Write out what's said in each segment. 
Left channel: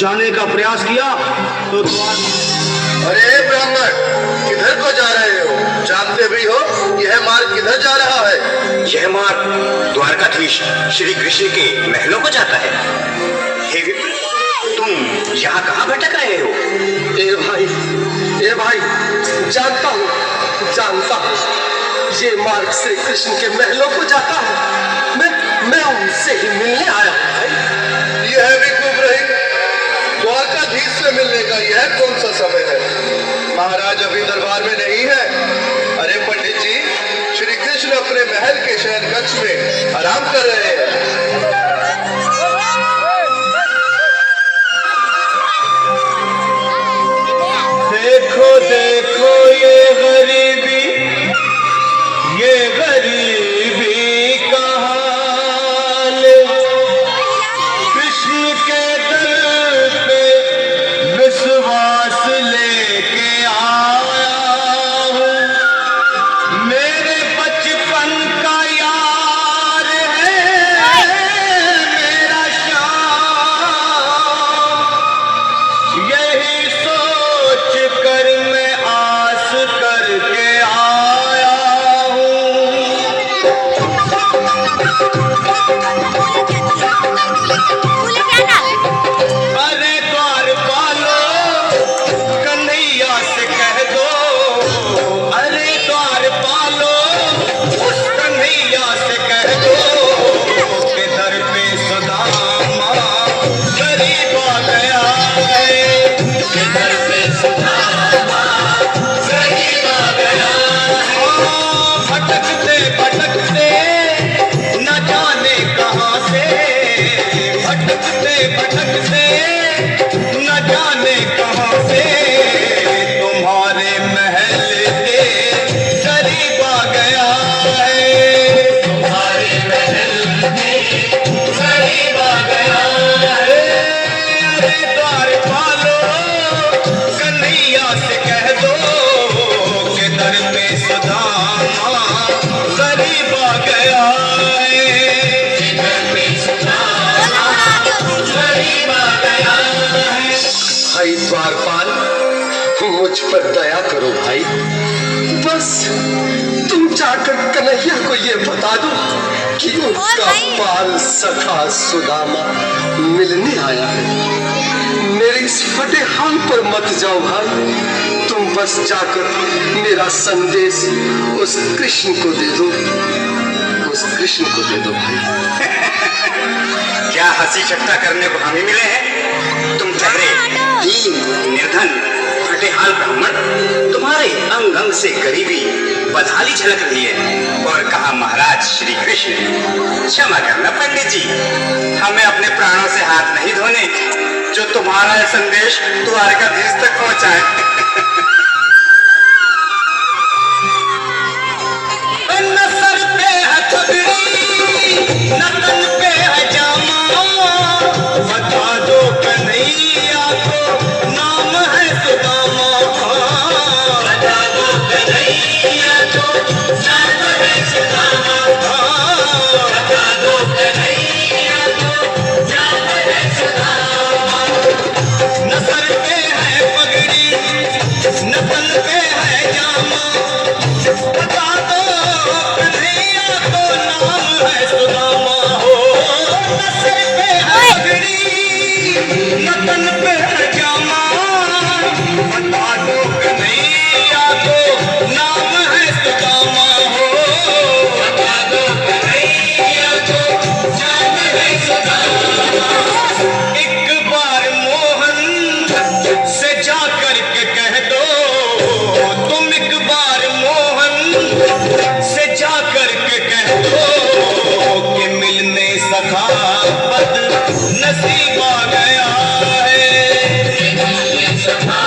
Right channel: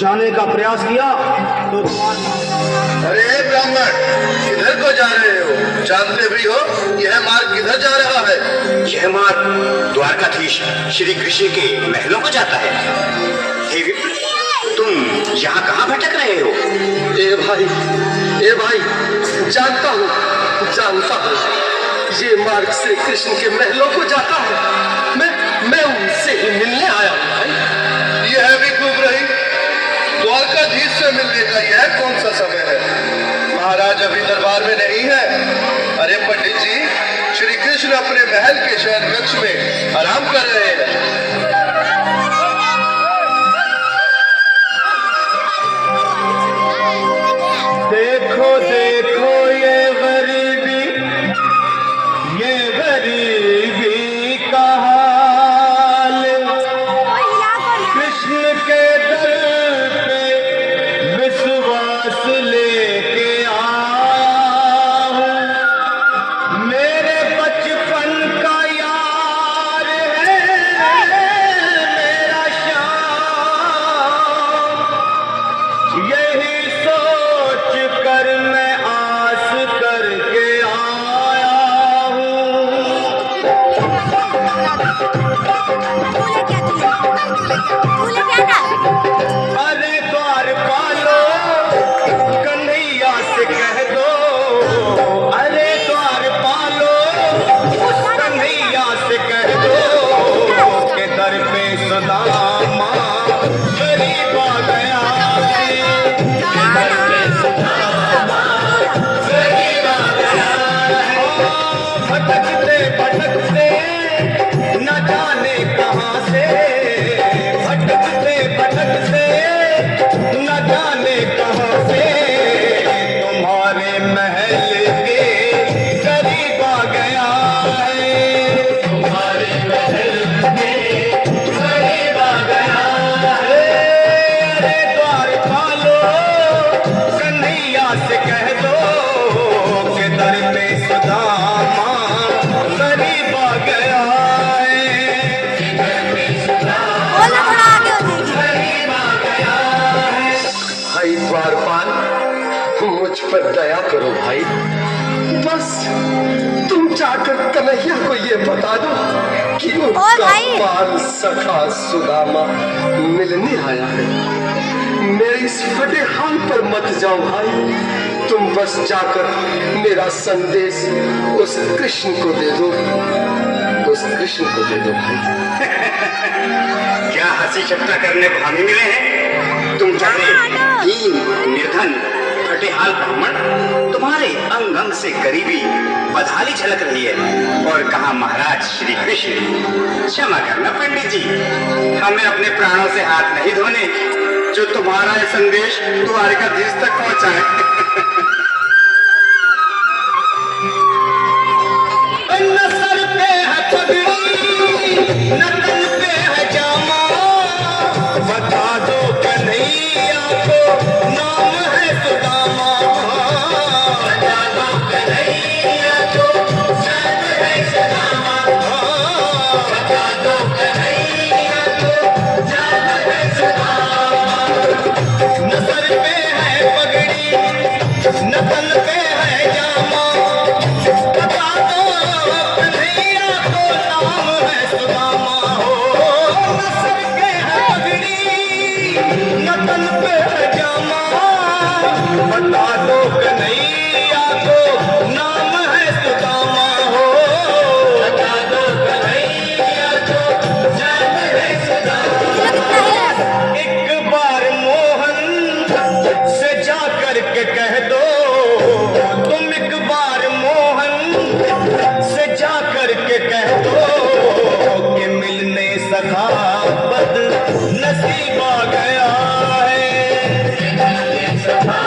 जाने का प्रयास किया तो अरे ब्राह्मण, किधर को जा रहे हो? जानते भी हो यह मार्ग किधर जा रहा है? यह मार्ग द्वारकाधीश श्री कृष्ण के महलों को जाता है। हे विप्र, तुम यहाँ कहाँ भटक रहे हो? ए भाई, जानता हूँ, ये मार्ग श्री कृष्ण के महलों को जाता है। मैं उनसे ही मिलने आया हूँ भाई। यह भी खूब रही, द्वारकाधीश से मिलने का यह कौन सा समय है? महाराज अभी दरबार में नहीं है। अरे पंडित जी, श्री कृष्ण अपने महल के शयन कक्ष में आराम कर रहे हैं। देखो देखो ये गरीबी का हाल, कृष्ण के दर पे विश्वास लेके आया हूँ। मेरे बचपन का यार है मेरा श्याम, यही सोच कर मैं आस करके आया हूँ। अरे द्वारपालो, कन्हैया से कह दो, अरे द्वारपालो, कन्हैया से कह दो के दर पे सुदामा गरीब आ गया है, के दर पे सुदामा गरीब आ गया है। भटकते भटकते न जाने कहाँ से, भटकते भटकते न जाने कहाँ से तुम्हारे महल के करीब आ गया है, तुम्हारे महल के करीब आ गया है। अरे द्वारपालो, कन्हैया से कह दो कि दर पे सुदामा गरीब आ गया है, दर पे सुदामा गरीब आ गया है। भाई द्वारपाल, मुझ पर दया करो भाई। बस तुम जाकर कन्हैया को ये बता दो कि उनका बाल सखा सुदामा मिलने आया है। मेरे इस फटे हाल पर मत जाओ भाई, तुम बस जाकर मेरा संदेश उस कृष्ण को दे दो, उस कृष्ण को दे दो भाई। क्या हंसी चट्टा करने को हमें मिले हैं? तुम चढ़े दीन निर्धन फटेहाल ब्राह्मण, तुम्हारे अंग अंग से गरीबी बदहाली झलक रही है। और कहा महाराज श्री कृष्ण, क्षमा करना पंडित जी, हमें अपने प्राणों से हाथ नहीं धोने जो तुम्हारा यह संदेश द्वारकाधीश तक पहुंचाए। न सर पे है पगड़ी, न तन पे है जामा, बता दो कन्हैया को नाम है सुदामा, बता दो कन्हैया को नाम है सुदामा, बता दो कन्हैया को नाम है सुदामा। न सर पे है पगड़ी, न तन पे है जामा, बता दो कन्हैया को नाम है सुदामा। हो न सर पे है पगड़ी, न तन पे है जामा, बता दो कन्हैया को नाम है सुदामा। हो बता दो कन्हैया को नाम है सुदामा। एक बार मोहन से जा कर के कह दो, तुम एक बार मोहन से जा कर के कह दो कि मिलने सखा बद नसीब आ गया है, मिलने सखा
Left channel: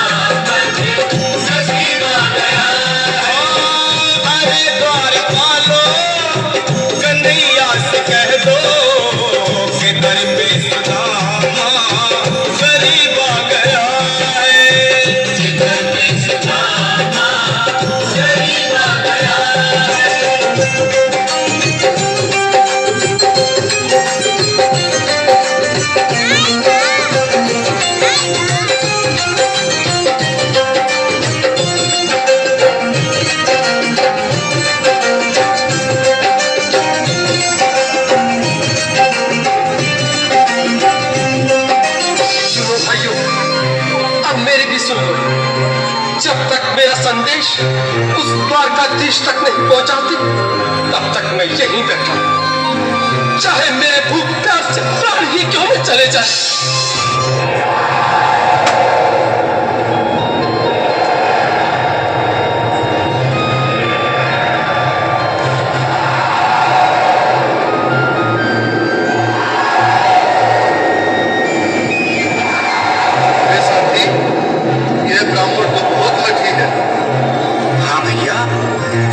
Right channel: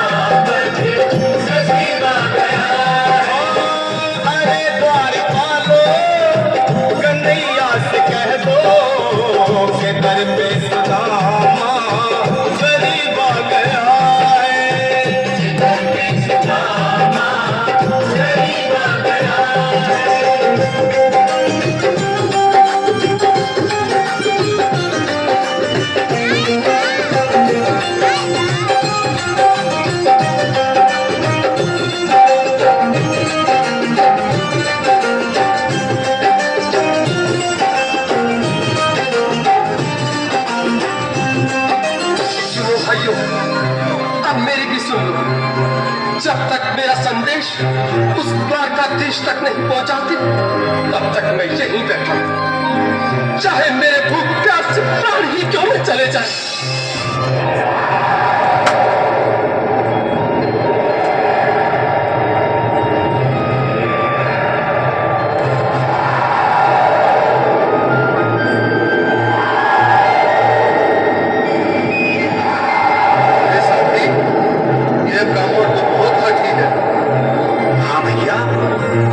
सुन लो, जब तक मेरा संदेश उस द्वारकाधीश तक नहीं पहुंचाती तब तक मैं यहीं बैठा हूं, चाहे मेरे भूख प्यास से प्राण ही क्यों न चले जाए।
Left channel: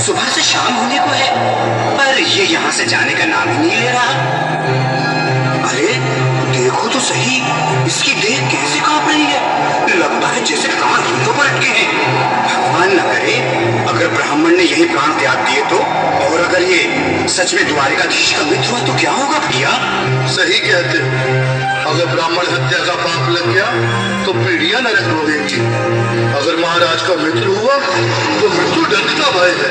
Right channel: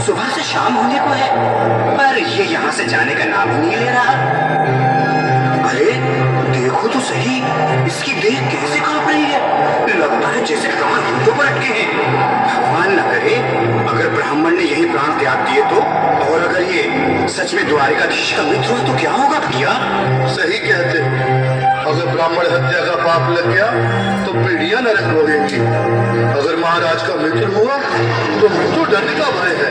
सुबह से शाम होने को है, पर ये यहाँ से जाने का नाम ही नहीं ले रहा। अरे देखो तो सही, इसकी देह कैसे कांप रही है, लगता है जैसे प्राण हिंदों पर अटके हैं। भगवान न करे अगर ब्राह्मण ने यही प्राण त्याग दिए तो, और अगर ये सच में द्वारिकाधीश का मित्र हुआ तो क्या होगा भैया? सही कहते हो, अगर ब्राह्मण हत्या का पाप लग गया तो पीढ़ियां नरक भोगेंगी। अगर महाराज का मित्र हुआ तो मृत्यु दंड का भय है।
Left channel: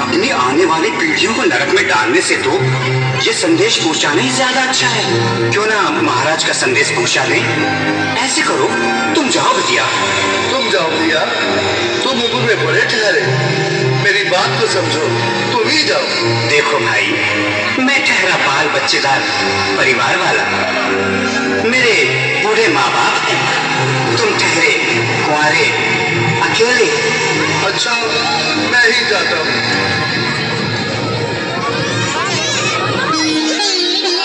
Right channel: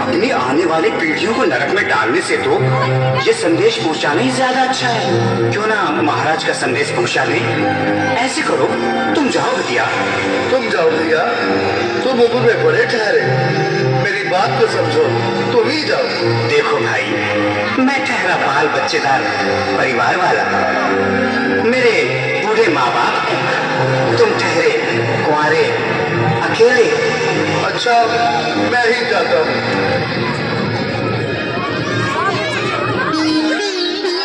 अपनी आने वाली पीढ़ियों को नरक में डालने से तो ये संदेश पहुंचाना ही ज्यादा अच्छा है। क्यों ना महाराज का संदेश पहुंचा दें? ऐसे करो, तुम जाओ भैया। तुम जाओ भैया, तुम उम्र में बड़े ठहरे, मेरी बात को समझो, तुम ही जाओ। देखो भाई, मैं ठहरा बाल बच्चेदार परिवार वाला, मेरे बूढ़े माँ बाप हैं, तुम ठहरे कुंवारे अकेले। अच्छा, मैं ही जाता हूँ।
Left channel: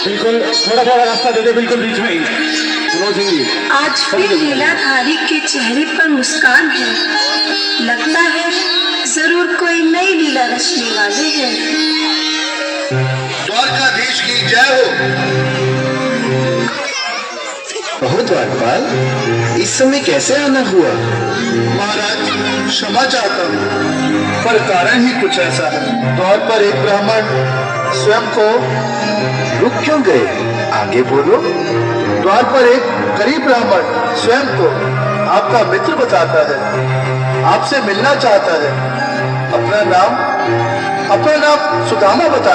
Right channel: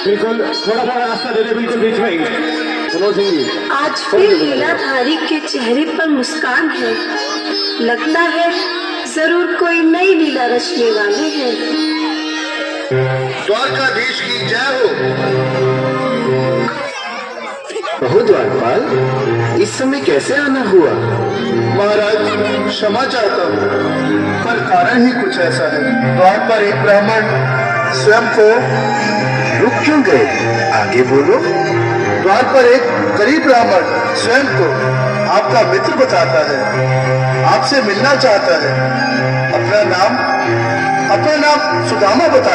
बिल्कुल थोड़ा थोड़ा रास्ता दे दे, बिल्कुल बीच में ही। मनोज सिंह जी, आज फिर लीलाधारी के चेहरे पर मुस्कान है, लगता है जरूर कोई नई लीला रचने वाले हैं। द्वारकाधीश की जय हो। और द्वारपाल, इस समय कैसे आना हुआ? महाराज, क्षमा चाहता हूँ, पर कारण ही कुछ ऐसा है। द्वार पर एक ब्राह्मण स्वयं को रुक क्यों गए? आगे बोलो। द्वार पर एक गरीब ब्राह्मण स्वयं को आपका मित्र बताता है, आपसे मिलना चाहता है। अपना नाम सुदामा बता